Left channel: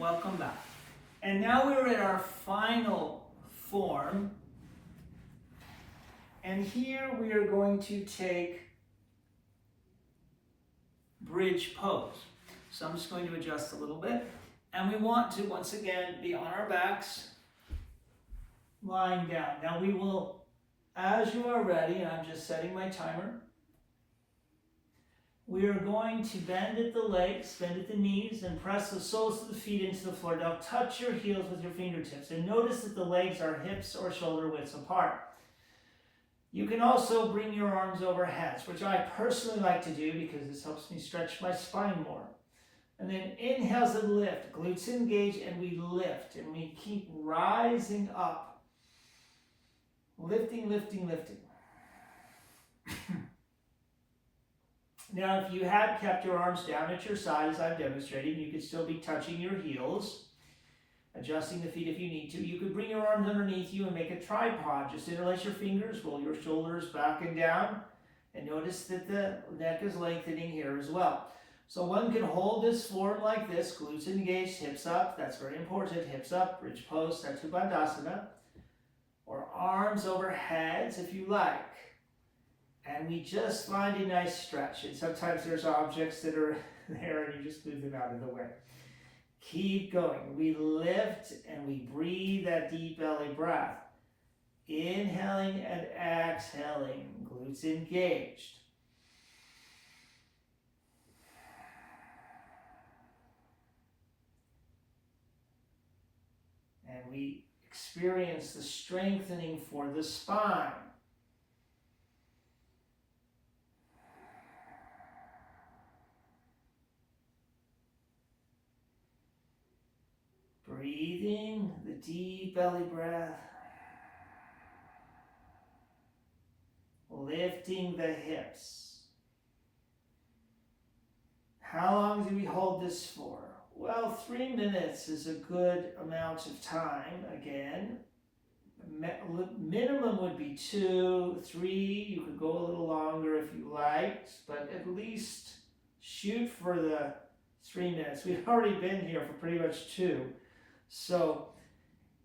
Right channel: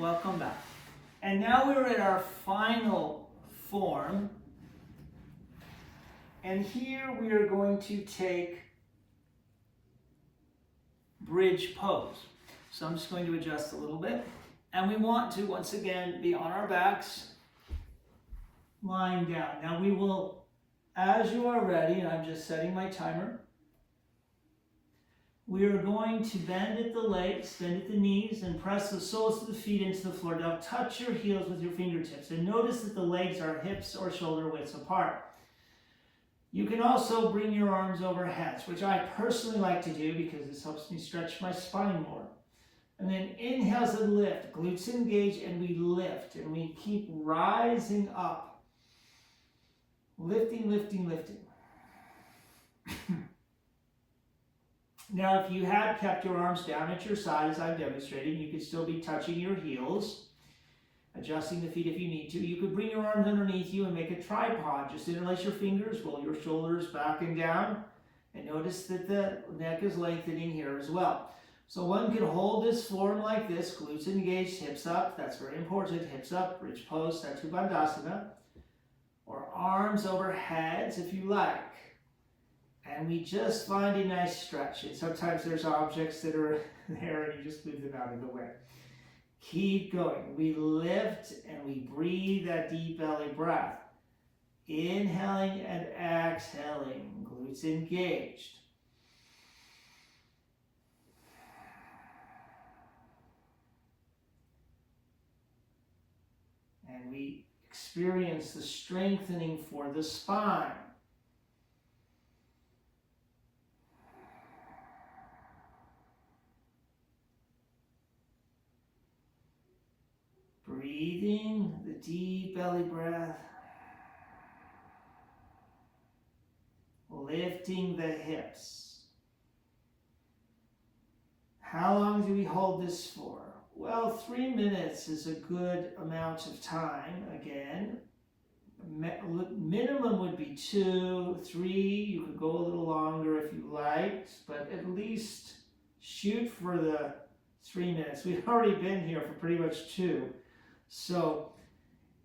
Welcome back. And now we're at our final form. And here we are going to take bridge pose. So I'm just going to adjust a little bit. And we want to, once again, be on our backs, lying down. Now we will, as you are ready, and I'm just setting my timer, we are going to bend at the legs, bend at the knees, and press the soles of the feet into the floor. Now touch your heels with your fingertips, and notice that the legs are hips or shoulder widths apart. You can also bring your arms over heads, which I personally like to do because this helps me stretch my spine more. And then inhales and lift, glutes engage, and we lift, and we keep rising up. Lifting, lifting, lifting. Now, if you had kept your arms down at your side, as I'm demonstrating, you could still be touching your heels, adjusting the feet if you need to. You could bring your arms underneath you and make a tripod. Just interlace your fingers, roll your shoulders back and down, and notice that the neck is lengthening here as well. So one can hold this form like this, glutes engaged, hips up, that's very important, hips up, bridge pose, Setu Bandhasana, or arms over heads if you like. And we just find a nice stretch. And sometimes there's objects that are there and you just move them out of the way. Keep going. We lift and we breathe that deep belly breath. Inhaling and exhaling, glutes engaged. And we experience the strengthening for the spine. Breathing the deep belly breath. Lifting the hips. How long do we hold this for? Well, 3 minutes is a good amount of time. Again, minimum would be 2, 3. You could go a little longer if you liked, but at least shoot for the 3 minutes. We've already been here for pretty much 2. So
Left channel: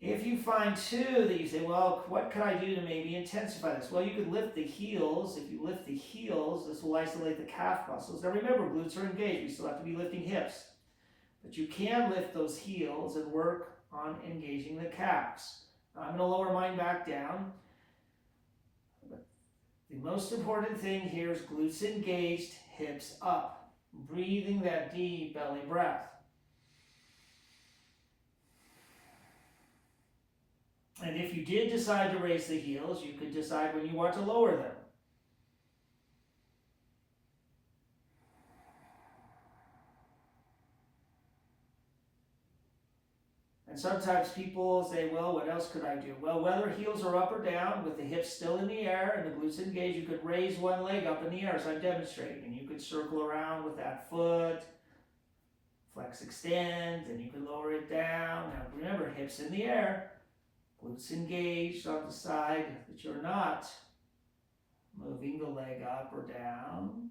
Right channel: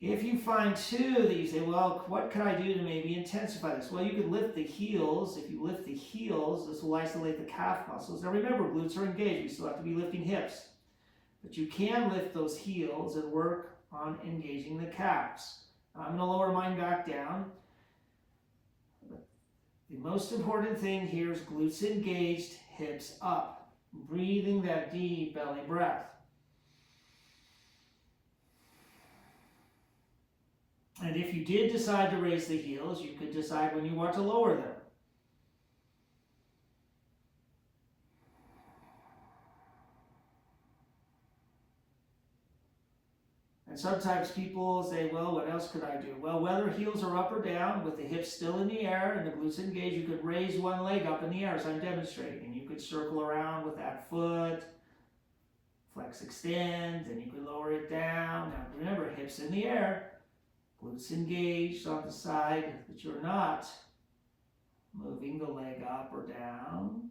if you find 2 that you say, well, what can I do to maybe intensify this? Well, you could lift the heels. If you lift the heels, this will isolate the calf muscles. Now remember, glutes are engaged. We still have to be lifting hips. But you can lift those heels and work on engaging the calves. I'm going to lower mine back down. The most important thing here is glutes engaged, hips up. Breathing that deep belly breath. And if you did decide to raise the heels, you could decide when you want to lower them. And sometimes people say, well, what else could I do? Well, whether heels are up or down, with the hips still in the air and the glutes engaged, you could raise one leg up in the air as I'm demonstrating. And you could circle around with that foot, flex, extend, and you could lower it down. Now remember, hips in the air, glutes engaged on the side that you're not moving the leg up or down.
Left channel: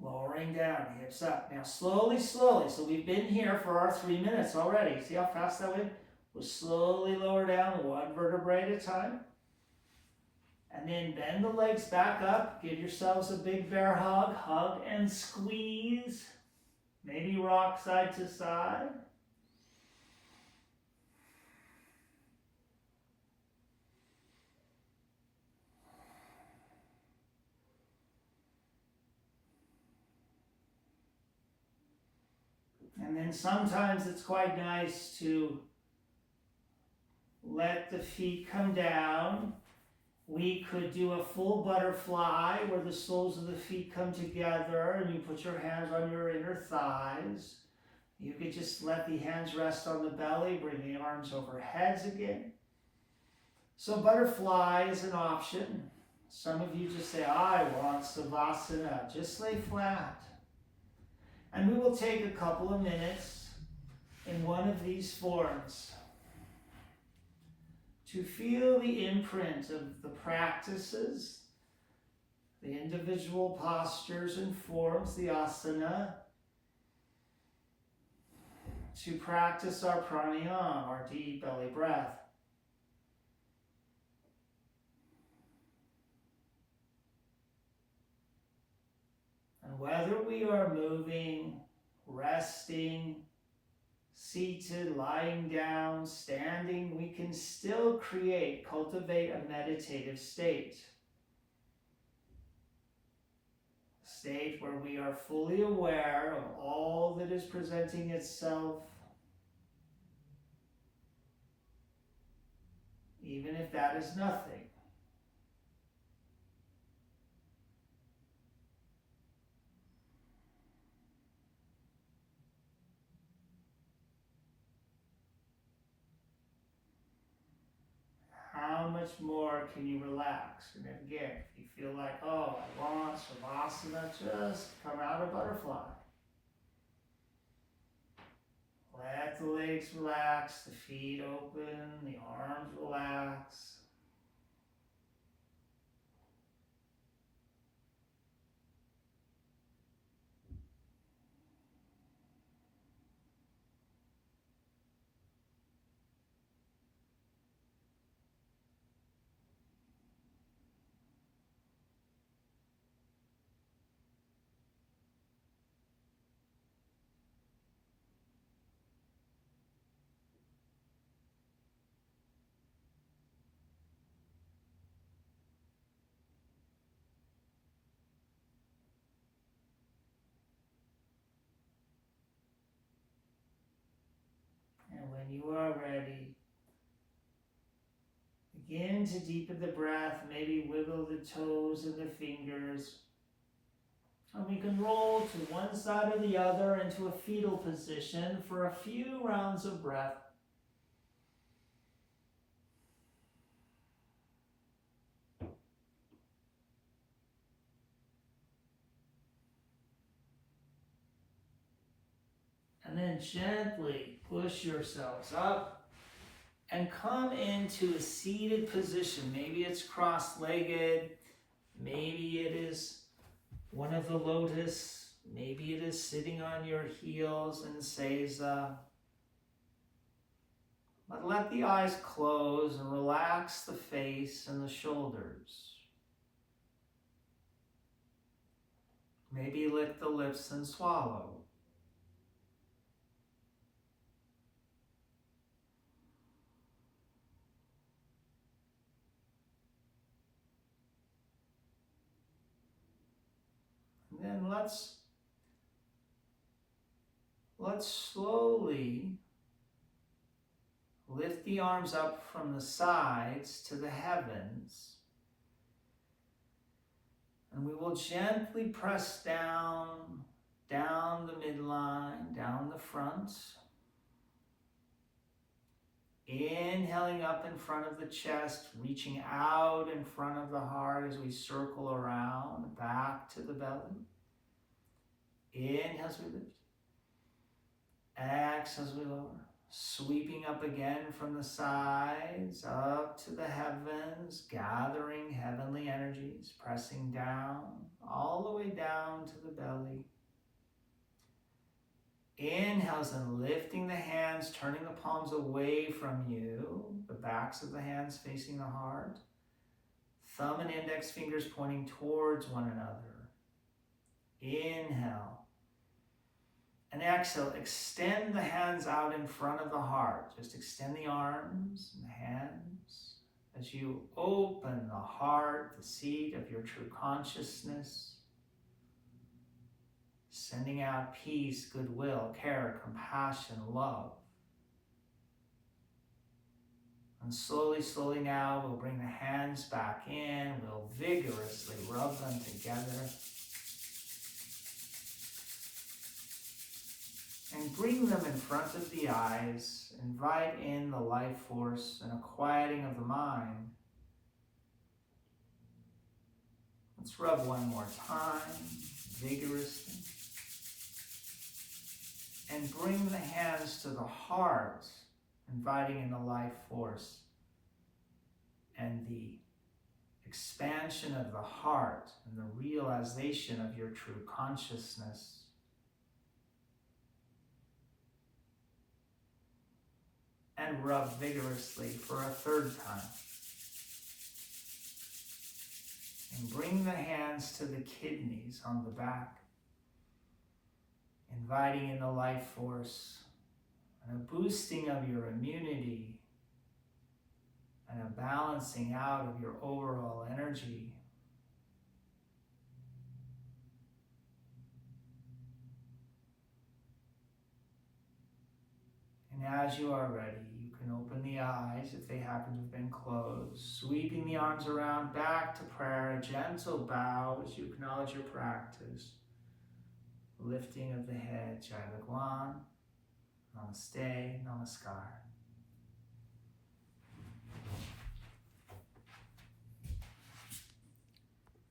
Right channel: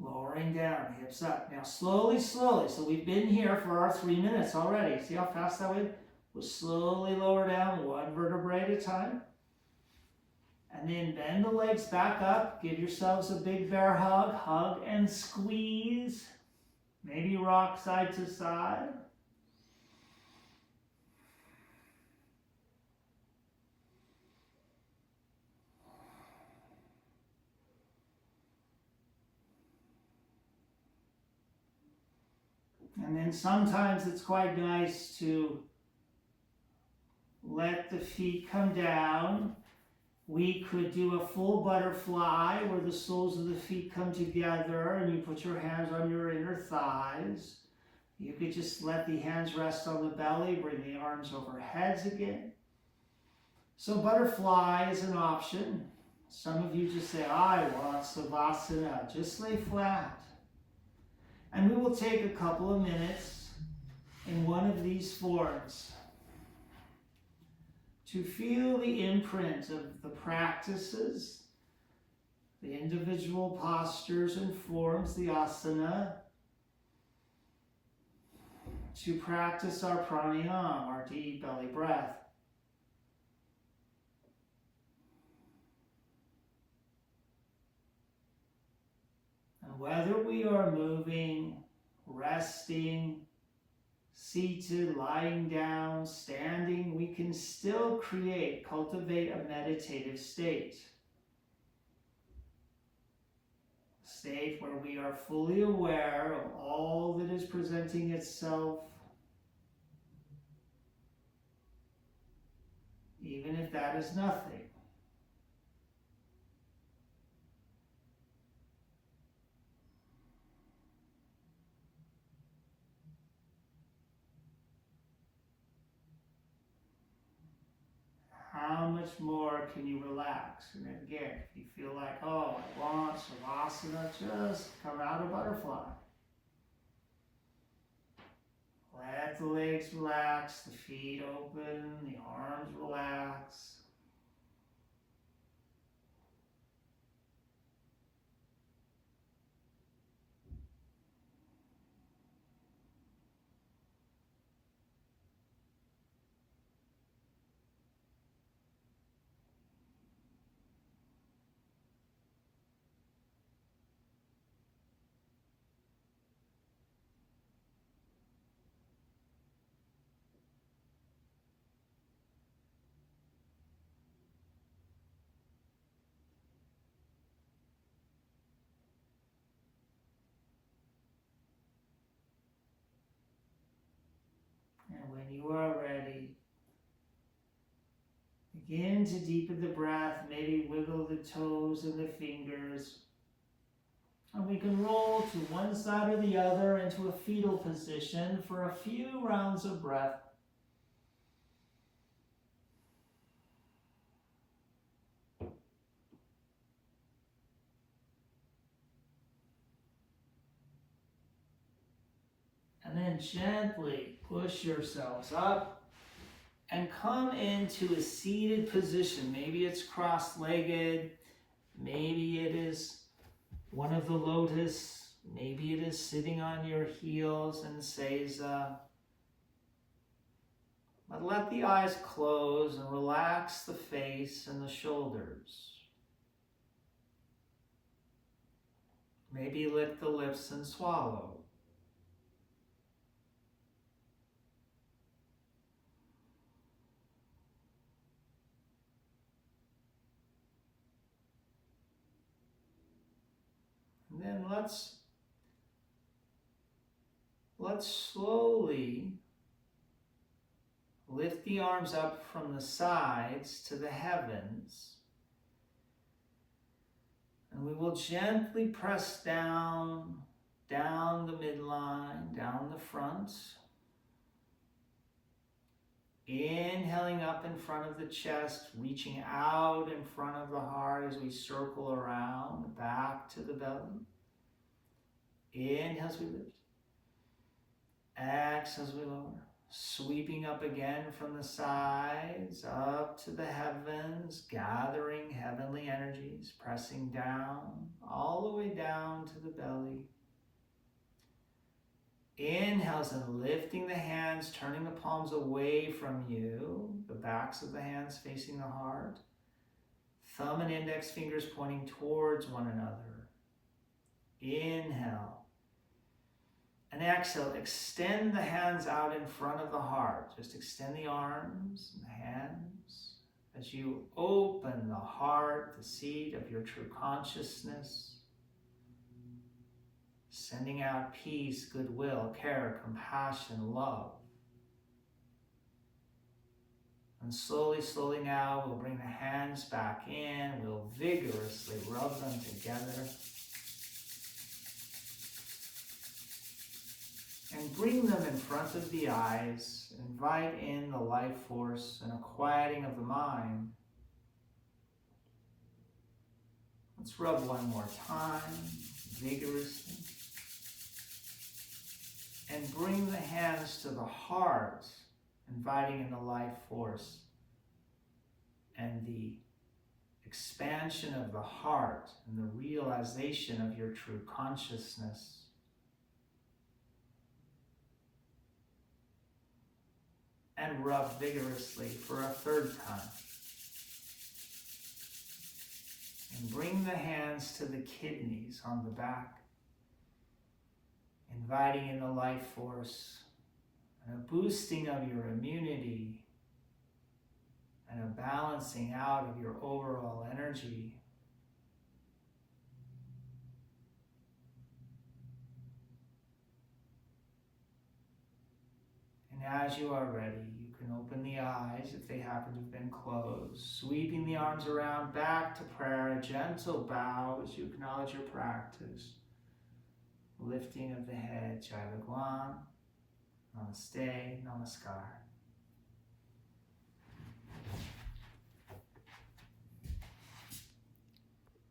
Lowering down, hips up. Now slowly, slowly. So we've been here for our 3 minutes already. See how fast that went? We'll slowly lower down 1 vertebrae at a time. And then bend the legs back up. Give yourselves a big bear hug. Hug and squeeze. Maybe rock side to side. And then sometimes it's quite nice to let the feet come down. We could do a full butterfly where the soles of the feet come together and you put your hands on your inner thighs. You could just let the hands rest on the belly, bring the arms over heads again. So butterfly is an option. Some of you just say, I want Savasana. Just lay flat. And we will take a couple of minutes in one of these forms to feel the imprint of the practices the individual postures and forms, the asana, to practice our pranayama, our deep belly breath. And whether we are moving, resting, seated, lying down, standing, we can still cultivate a meditative state. A state where we are fully aware of all that is presenting itself, even if that is nothing. How much more can you relax? And again, if you feel like, oh, I want Savasana, just come out of butterfly. Let the legs relax, the feet open, the arms relax. And when you are ready, begin to deepen the breath, maybe wiggle the toes and the fingers. And we can roll to one side or the other into a fetal position for a few rounds of breath. And then gently push yourselves up and come into a seated position. Maybe it's cross-legged, maybe it is one of the lotus, maybe it is sitting on your heels in seiza. But let the eyes close and relax the face and the shoulders. Maybe lick the lips and swallow. And then let's slowly lift the arms up from the sides to the heavens. And we will gently press down the midline, down the front. Inhaling up in front of the chest, reaching out in front of the heart as we circle around, back to the belly. Inhale as we lift. Exhale as we lower. Sweeping up again from the sides, up to the heavens, gathering heavenly energies, pressing down, all the way down to the belly. Inhales and lifting the hands, turning the palms away from you, the backs of the hands facing the heart. Thumb and index fingers pointing towards one another. Inhale. And exhale, extend the hands out in front of the heart. Just extend the arms and the hands as you open the heart, the seat of your true consciousness. Sending out peace, goodwill, care, compassion, love. And slowly now, we'll bring the hands back in. We'll vigorously rub them together. And bring them in front of the eyes. Invite in the life force and a quieting of the mind. Let's rub one more time, vigorously. And bring the hands to the heart, inviting in the life force and the expansion of the heart and the realization of your true consciousness. And rub vigorously for a third time. And bring the hands to the kidneys on the back, inviting in the life force and a boosting of your immunity and a balancing out of your overall energy. And as you are ready, you can open the eyes if they happen to have been closed, sweeping the arms around back to prayer, a gentle bow as you acknowledge your practice. Lifting of the head, Jai Bhagwan, Namaste, Namaskar.